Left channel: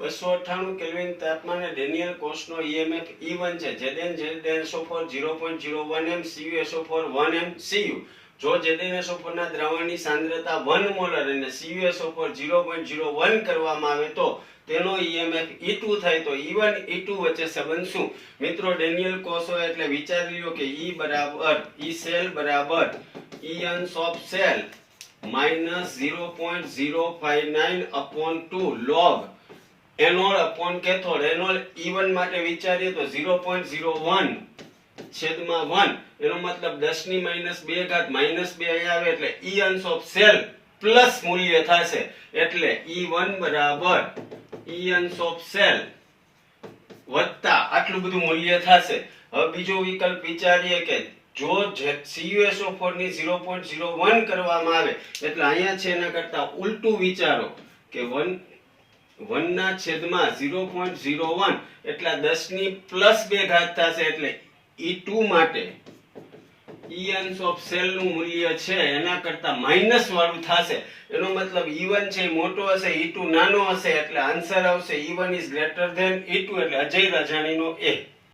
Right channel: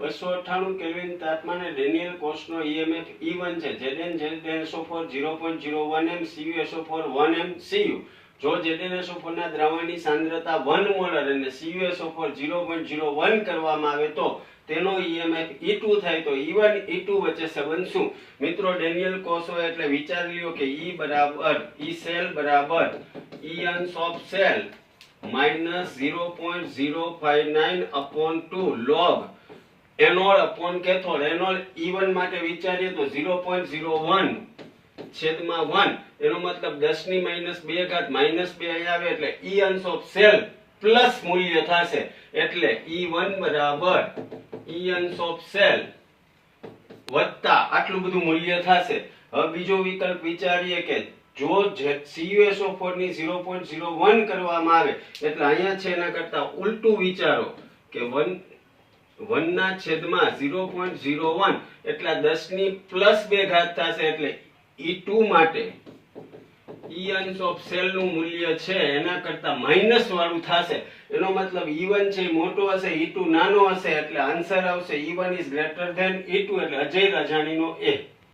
298 kelvin તાપમાને Daniel કોષનો EMF E1 છે. ZnSO4 0.01 m CuSO4 1 m Cu. જો ZnSO4 ના દ્રાવણની સાંદ્રતા 1 મોલર અને CuSO4 0.01 કરવામાં આવે તો તેનો EMF E2 થાય. તો E1 E2 વચ્ચે સંબંધ શું? મિત્રો ડેનિયલ કોષો એટલે વિચારી લ્યો કે E બરાબર E સેલ બરાબર E અંશ of cell minus 0.059 upon 2 log anode upon cathode. Anode E1 માટે વિચારીએ તો 0.01 છેદમાં 1 એનો મતલબ 10 ની -2 ઘાત -2 અહીં આવે એટલે E અંશ ઓફ સેલ પ્લસ મૂલ્ય થશે એટલે E1 બરાબર E અંશ ઓફ સેલ વત્તા આટલું બધું મૂલ્ય થશે. હવે બીજો વિકલ્પ વિચારીએ કે જો CuSO4 ની 0.01 કરવામાં આવે એટલે અહીંયા છે એના કરતા ઉલટું વિચારો કે 1 ના છેદમાં 0.01 એટલે 10 ની +2 ઘાત થશે એટલે E2 માટે E અંશ ઓફ સેલ નું મૂલ્ય છે એના કરતા માઈનસ વાળું થશે. એનો મતલબ E1 છે મોટો હશે E2 નાનો હશે એટલે આન્સર આવશે E1 is greater than E2 એટલે અજય રાજાણીનો A.